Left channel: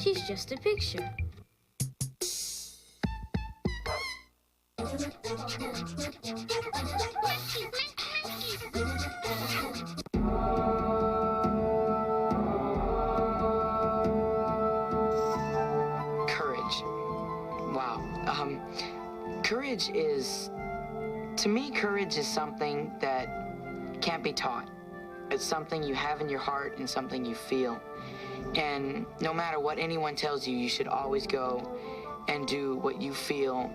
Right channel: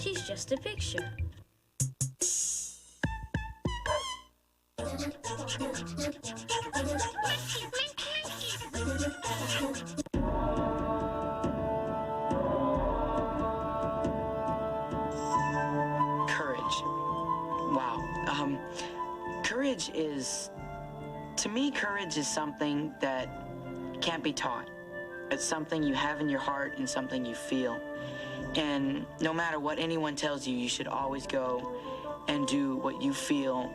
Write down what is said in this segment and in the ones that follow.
She's just a picture. Courage. Wow. Courage is, to me, courage is something that can't be taught. It's something you have in your heart and something you feel. And no matter what anyone tells you, you should always go and do what you feel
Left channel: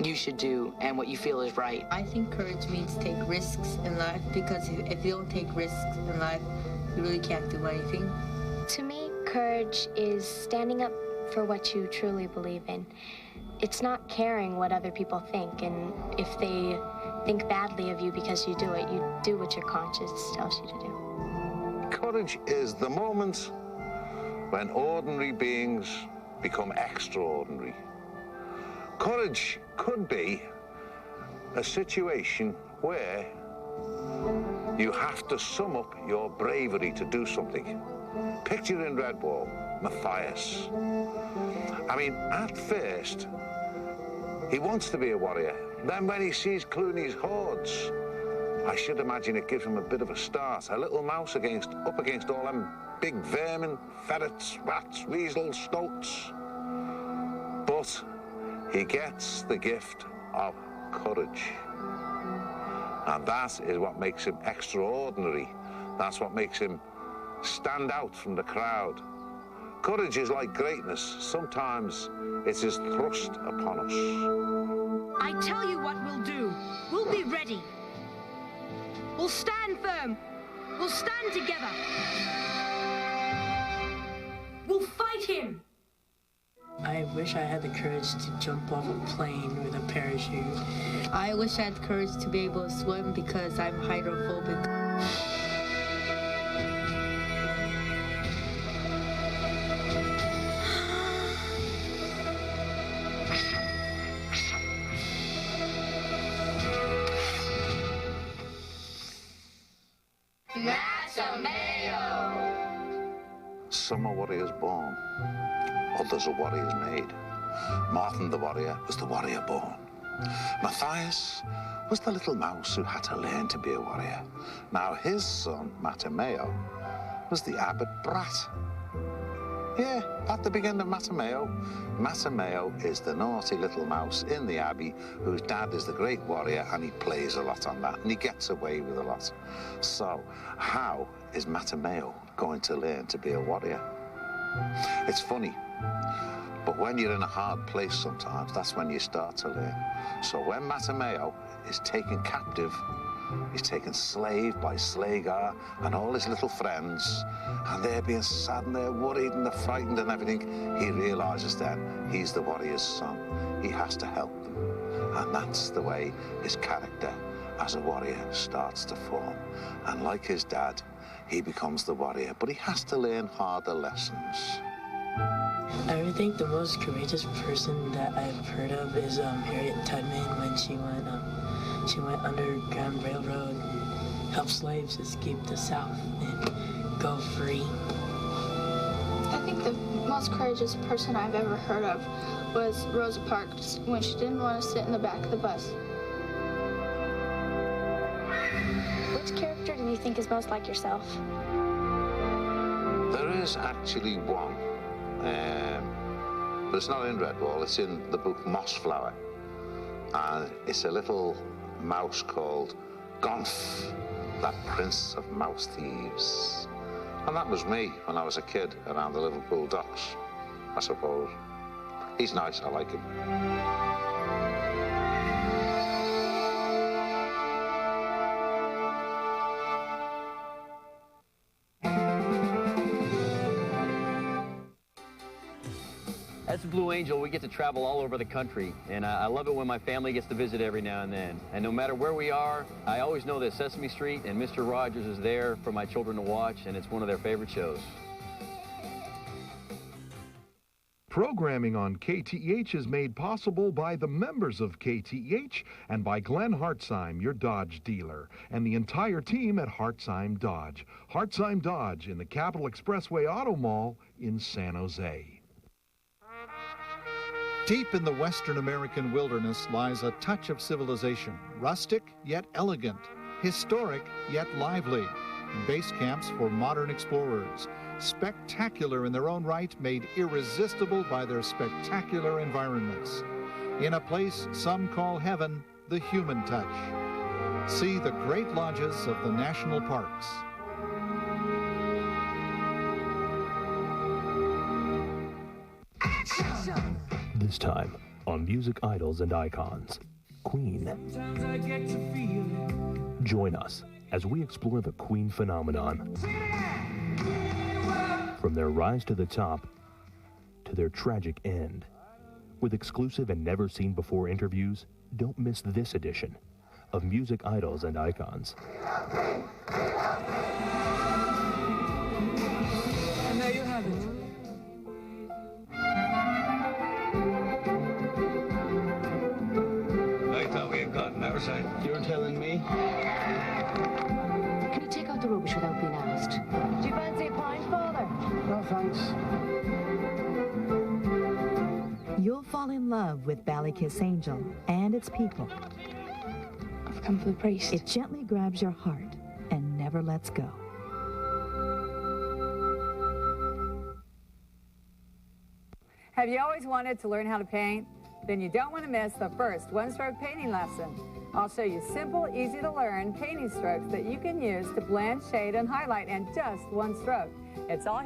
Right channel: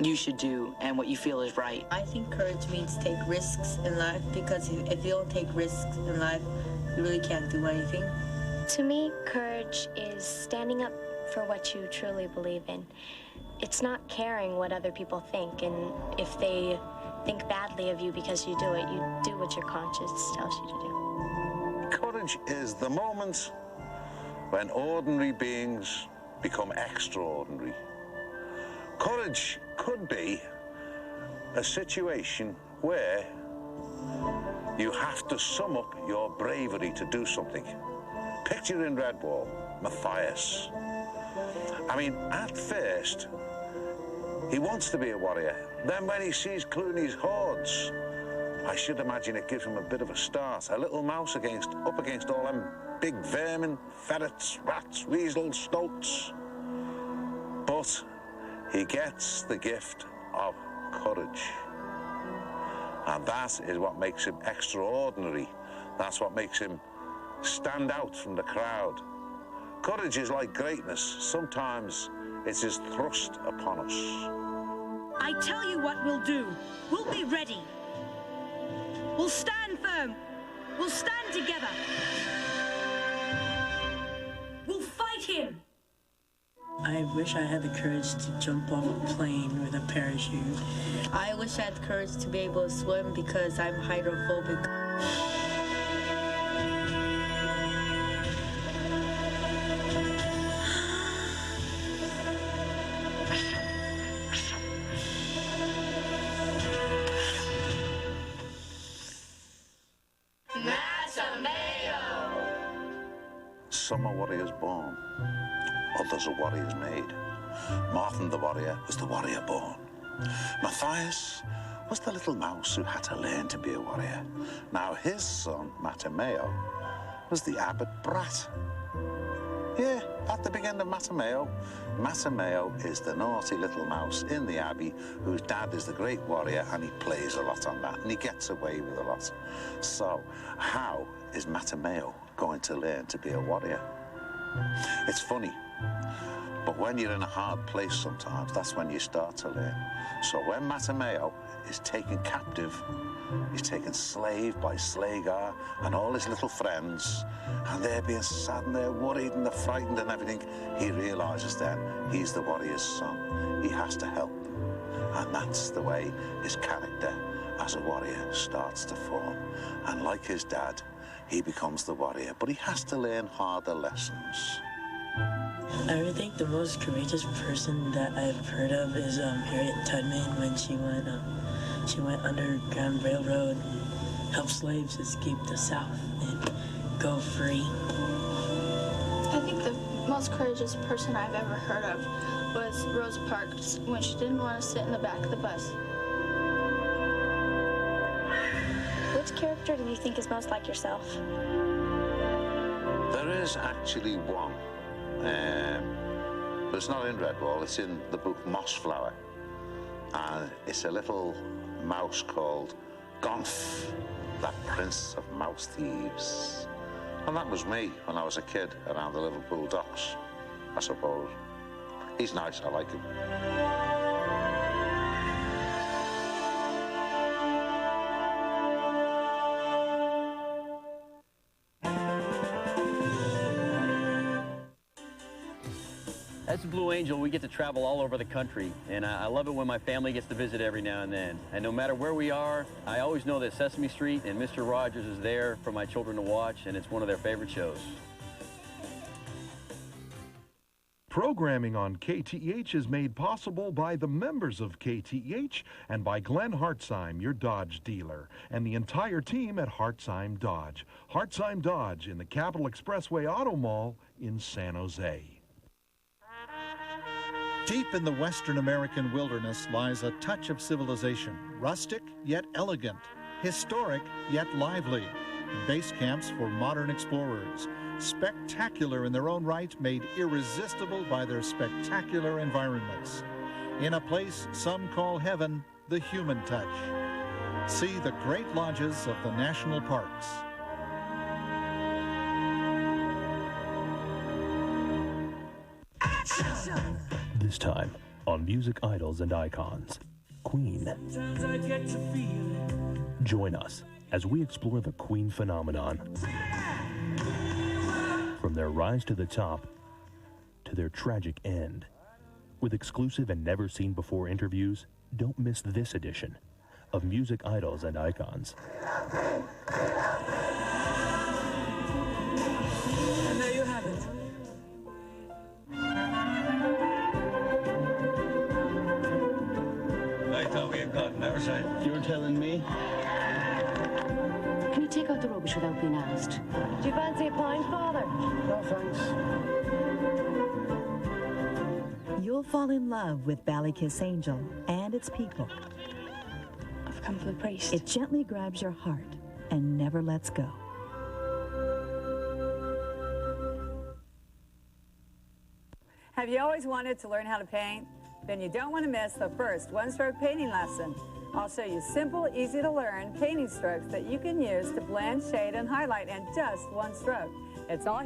you should do and what you feel is right. I think courage means take risks in life, because if you don't take risks in life, you really can't do anything. To me, courage is standing up for what you truly believe in. It's not caring what other people think, and if they think badly of you because you do it, you do what your conscience tells you to do. Courage is the moment when ordinary beings become extraordinary. Courage could be a situation where you have to sum up your bravery to do something. Picture in Redwall, Matthias. I mean, at first, he wants to be a warrior. Then when he sees Clooney's hordes, I should imagine it gives him a bit of a start. A little mouse up against all them big vermin, ferrets, rats, weasels, stoats. But he gets the gift of courage. And that is what makes him extraordinary. That's what makes him stand out from the crowd. Courage is like greatness. Sometimes it is thrust upon us. I tell you what we'll do. We'll be ready. We'll stand firm. We'll stand together. We'll fight him. I wish I had the courage to jump off a plane with a parachute. I wish I had the courage to be able to swim, because I'm hydrophobic. Some are warriors born, others are warriors made. Martin the warrior was the warrior born. Matthias was the little mouse who had to learn to be a warrior. Now his son, Matameo, was the abbot brat. Yeah, at the beginning of Matameo, Matameo is the naughty little mouse in the abbey whose dad is the great warrior, and he plays a lot on that, and he gets away with a lot. So how is Matameo going to learn to be a warrior? It's funny, but when you're in a hard place sometimes, that's when you start to learn. So when Matameo is taken captive, he's taken slave by Slagar and all his little friends, and they're being sad and they're worried and they're frightened and everything, he realizes then he's the warrior's son. He has to help them. And that's the way his character as a warrior starts to form. And like his dad, he becomes the warrior, but he has to learn harder lessons. I think the most courageous person that I've heard of is Harriet Tubman, when she went Underground Railroad, helped slaves escape the South and go free. I think the most courageous person I've ever heard of was Rosa Parks, when she didn't want to sit in the back of the bus. Which character do you think is most like yourself? There is actually one, but it's not in Redwall, it's in the book Mossflower. And it's a little mouse called Gonf, that prince of mouse thieves. And that was me when I was a kid around the Liverpool docks, I suppose. He's nice, I like him. As a Blue Angel, we get to travel all over the country, and I love it when my family gets to visit every now and then. And no matter where we are, I always know that Sesame Street and Mr. Rogers is there for my children to watch, and it's one of their favorite shows. Programming on KTEH is made possible by the members of KTEH and by Glenn Hartzheim, your Dodge dealer, and the entire team at Hartzheim Dodge. Hartzheim Dodge in the Capitol Expressway Auto Mall in San Jose. Deep in the Western American wilderness lies a touch of civilization, rustic yet elegant, historic yet lively. Base camps for modern explorers, spectacular in their own right, made irresistible by their spectacular environments. In a place some call heaven, the human touch. See the great lodges of the national parks. This time on Music Idols and Icons, Queen. Join us as we explore the Queen phenomenon. From their rise to the top to their tragic end. With exclusive and never-seen-before interviews, don't miss this edition of Music Idols and Icons. And there you have it. I thought we had gotten our side. You're telling me? Can you take out the rubbish without being asked? Do you fancy a pint, Father? No, thanks. You'll fall in love with Ballykissangel and its people. I've come for the priest. It gently grabs your heart and never lets go. Have you always wanted to learn how to paint? Then you don't want to miss the first one-stroke painting lesson. I'll show you simple, easy to learn painting strokes that you can use to blend, shade, and highlight in just one stroke. It's all here.